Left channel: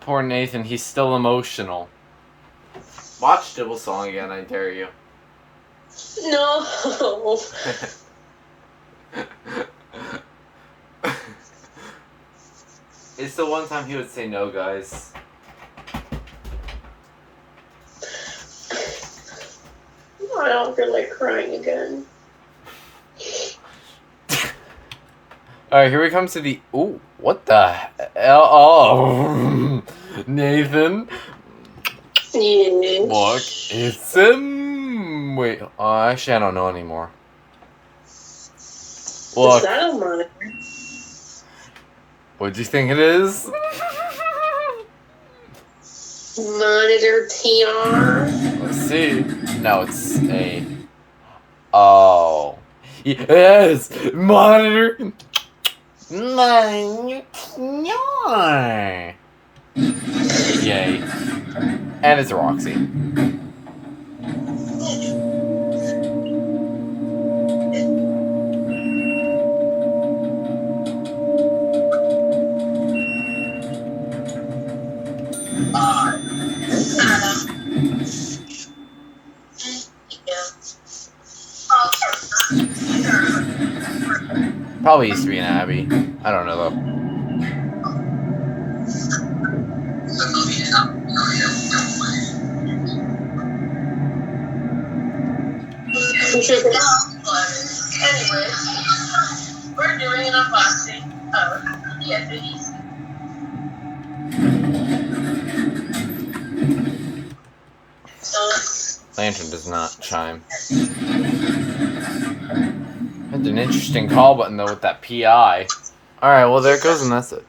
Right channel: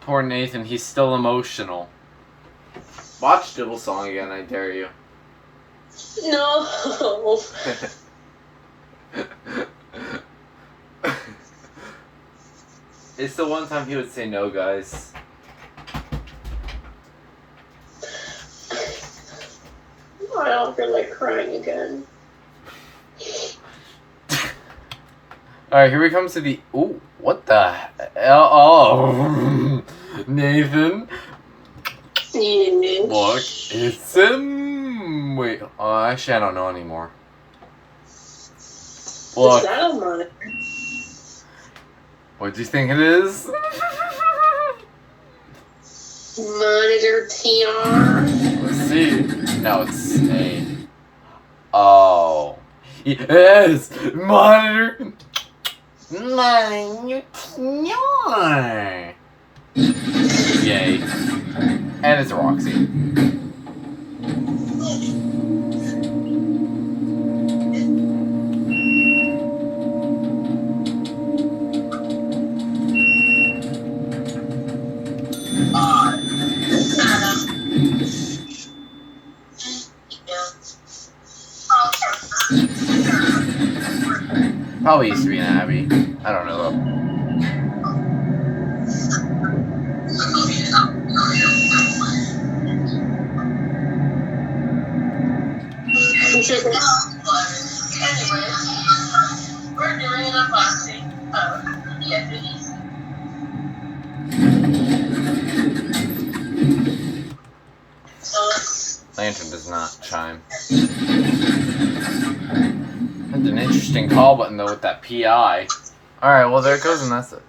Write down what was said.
Poor Nathan, he's still emotional. Watch Dibble Song again, I dare you. No. It's the one time he would say no, guys. I don't feel like crying again. Alright, here we come to the... Ooh, what the hell? Oh, Nathan. Yeah. Look, it's wait, actually I don't know anymore. Look. I don't mind. What do you think it is? Monitor TR. Let's see. No, it's a... Oh. Yes! Monitor... Yay. And it's a Roxy. Probably used to be an Abby. I don't know though. Anyway, we're doing an unboxing of the FNEs. Lantern does not chime. That's an interesting call button though with that PI. Alright, well there it goes and that's it.